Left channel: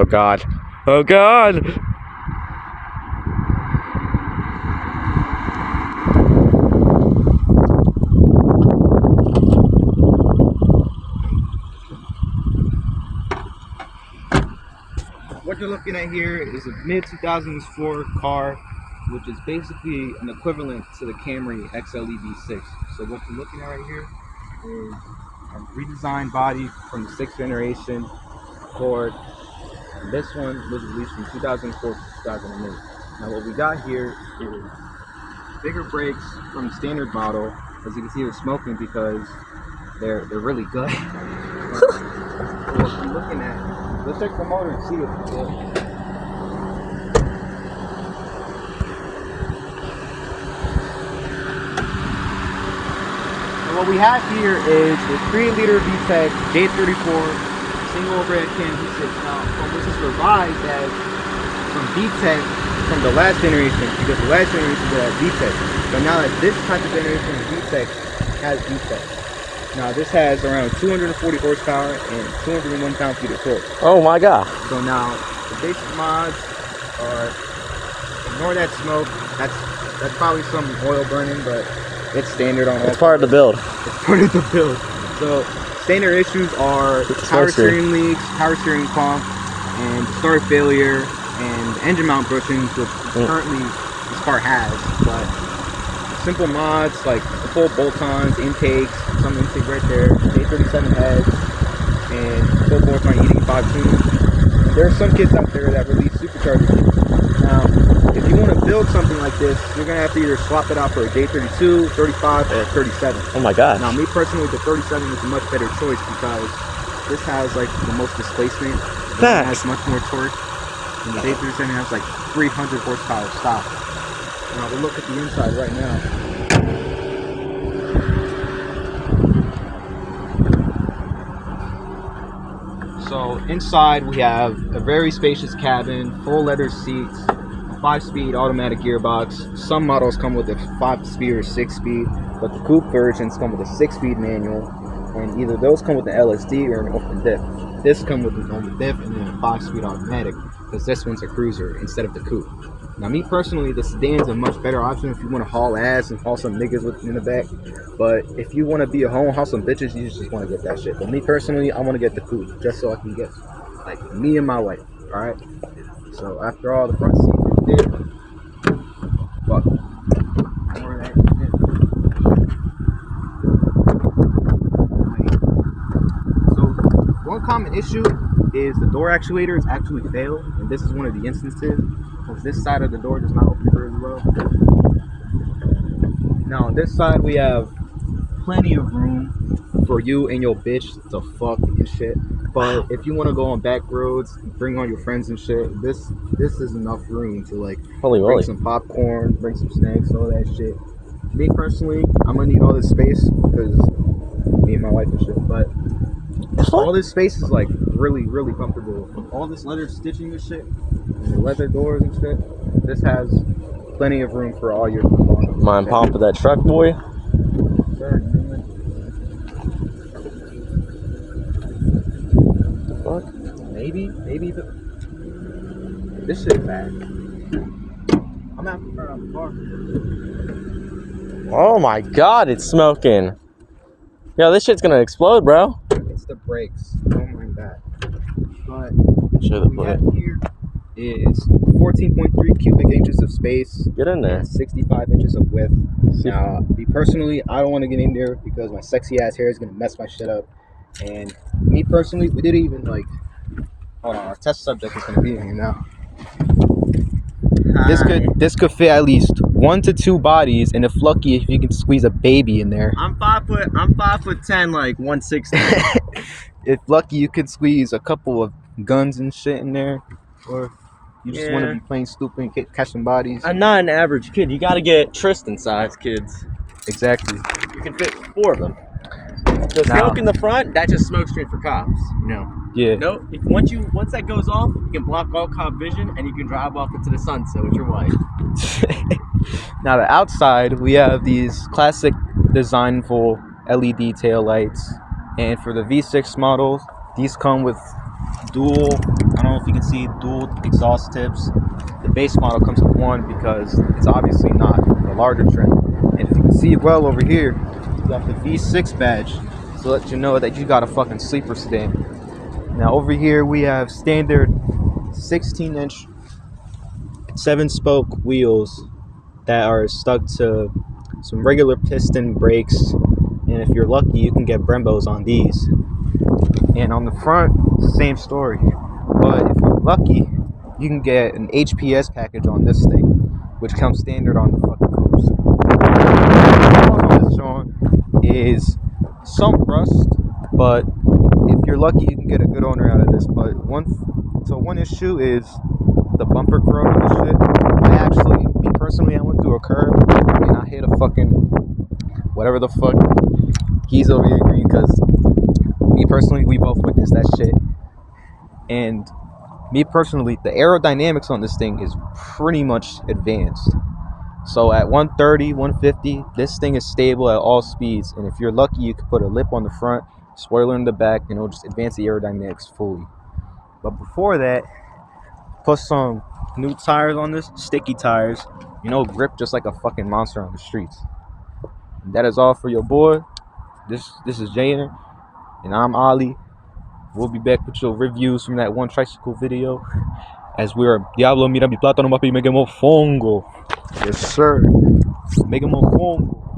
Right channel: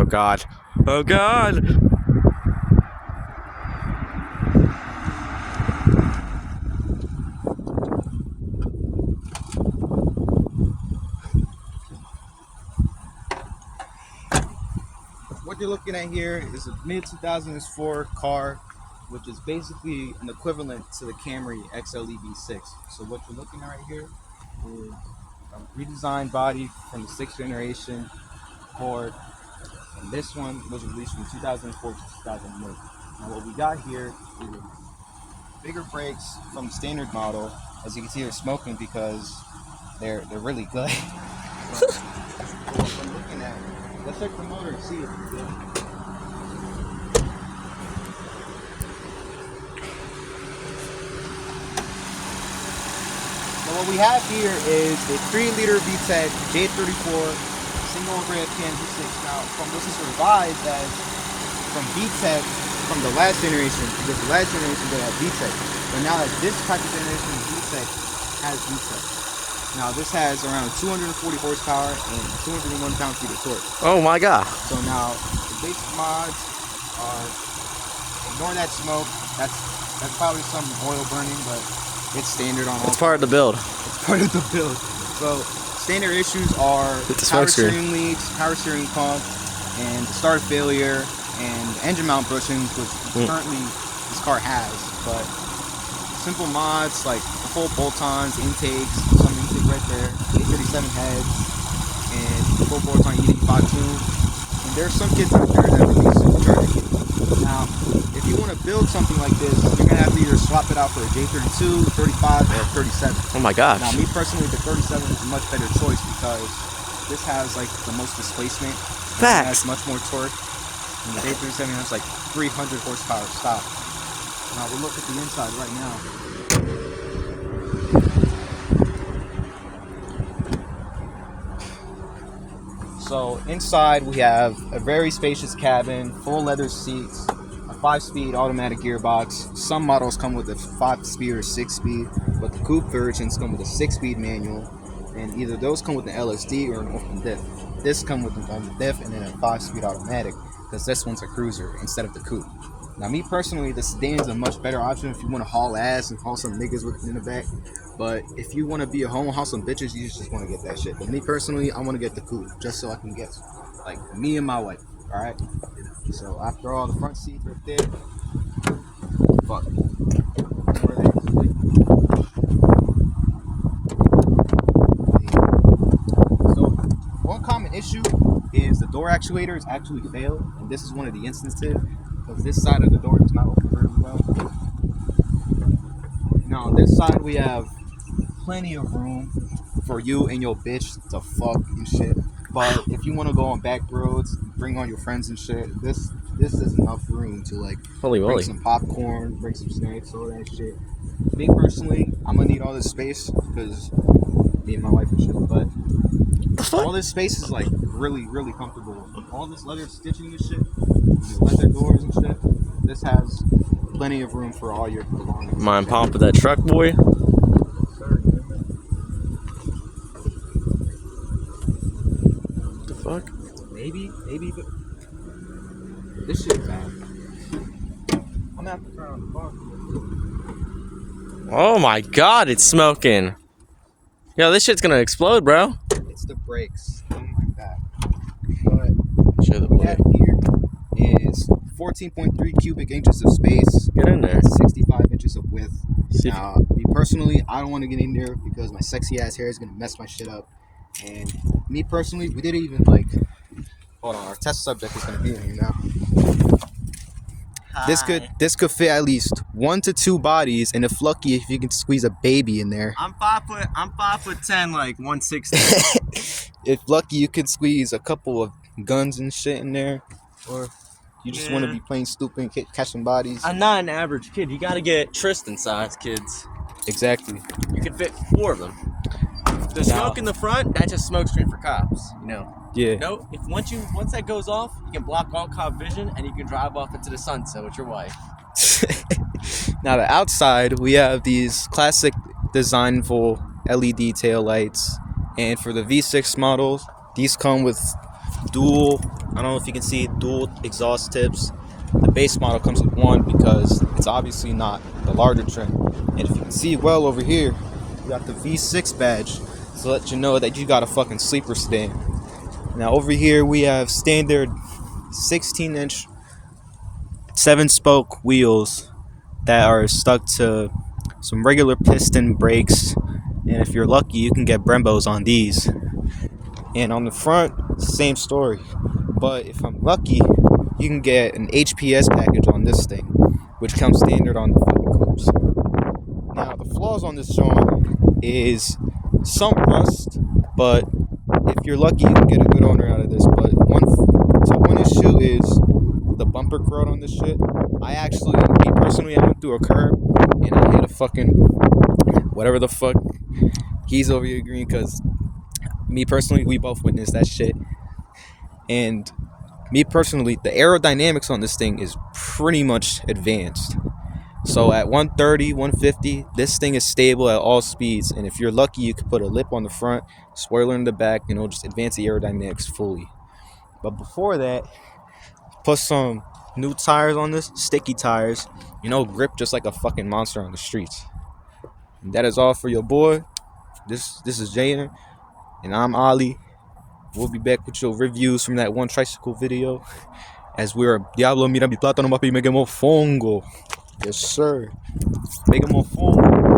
Oh God. Oh God. What you're looking at here is a mid-2004 car, which is basically an equivalent to the Camry ACCORDV6. So what you're looking at right here is a redesigned body from the 6th generation Accord. And this one was released from 2004 to 2008. Now what we got here is bigger brakes from the standard model. As you can see, they're smoking because they're really good. So what we're looking at, let's check the motor and see it. And what we have here is a 3-liter VTEC J34 single overhead cam V6. Now, from this is revised as from VTEC from the last generation, because the last generation had VTEC. But now that this type of generation of VTEC has VTEC. Now this has around 240 horsepower and 201 pound-feet of torque. Oh my God. So now the basic mods are, ignore that smoke. That's probably some oil burning, but it's standard on all. It's part of the build. It's part of the build. So standard issues are power steering leaks, power steering pump, and start failure, and engine mount bushings, which currently this car has. But simple mods like full bolt-ons, intakes, some intake right there, A37 heads, and full bolt-on E85 tube. There are some kits out there that release superchargers. Now, if you want to build something like this, you're gonna have to either swap it out for a J32, 35, or 37. Oh my gosh. Now, me personally, the 37 is a much better choice because this has like the most displacement. It has much more torque. And the J37 has like 300 horsepower stop. Now we'll look at the inside right now. So inside we have a very spacious cabin, full leather seats, a 5-speed automatic gearbox. Some models come with a 5-speed or 6-speed, but the coupe versions come with a 6-speed manual, and either those come with an LSD or an open diff. This comes with an open diff and then a 5-speed automatic, because this one's a cruiser instead of the coupe. Now, me personally, the sedan's a much better option if you want to haul ass and haul some niggas with in the back. But if you want to be a home, haul some bitches, you just want to get that shit. But me personally, I want to get the coupe just so I can get like me and my wife. All right. So after all, the front seats are thick. Fuck. So one common issue is the door actuator is actually failed, and this is one of the instances. This side of the door does not open very well. Now on this side we have plenty of room for you and your bitch to fuck and shit. But if you want to go on back roads, bring on your friends and shit, this is enough room to like bring some popcorn, bring some snacks, all that shit. Me personally, I'm gonna need all this space because me and my wife and shit. But all this space is like really, really comfortable. All this leather stitching and shit, leather doors and shit. This has plenty of room for all your belongings. Mind pump with that truck, boy. Sir, The fuck? maybe this shit's back. I'm gonna have to turn on the car. Oh my God, it's smoking. Yo, this shit's gonna explode, bro. It's the brakes. Don't mind that. But Show the what we have here is 14.3 cubic inches of space. Get in there. 65 inches of width. Now, me personally, I don't want to get in there because my sexy ass hair is gonna mess my shit up. And me personally, we didn't even like. Hold on, our test subject is gonna be in here now. This could fit at least 1 to 2 bodies, and if lucky, if you can squeeze a baby in there. I'm 5'10", like 160. If lucky, you could squeeze a couple of guns and shit in there, or you just want to be playing stupid, catch some bodies. I'm not an average kid. You gotta get Tristan size kids. Exactly. You can fit 4 of them. The smoke in the front, that just smoke straight for cops, you know. Yeah. No, once that goes off, you can block all cop vision and you can drive off into the sunset with your wife. Now the outside, we have these classic designful LED tail lights, and for the V6 models, these come with dual, I don't know if you can see, dual exhaust tips. The base model comes with one because it's obviously not the larger trim. And if you can see well over here, you got the V6 badge to let you know that you got a fucking sleeper sedan. Now over here we have standard 16-inch 7-spoke wheels that are stuck to some regular piston brakes, and if you're lucky you can get Brembos on these. And on the front, same story, but if I'm lucky you can get an HPS package on this thing, which comes standard on the fucking coupes. The flaws on this Sean is some rust, but if you're lucky you can get a good owner out of this. But one issue is the bumper corrode on this shit. Me personally, I went through a curb and I hit a fucking whatever the fuck. He's over here agreeing because me personally, we both witnessed that shit. And me personally, the aerodynamics on this thing is pretty much advanced. So at 130, 150, this thing is stable at all speeds. And if you're lucky, you can put a lip on the front, spoiler in the back, and it'll just advance the aerodynamics fully. But before that, put some new tires on this, sticky tires, grip just like a fucking monster on the streets. And that is all for your boy. This is Jaden, and I'm Ali. We'll be back with your reviews from that one tricycle video. As we're Diablo, mira mi plátano, papi, me quemó fongo. Yes, sir. Me quemó fongo.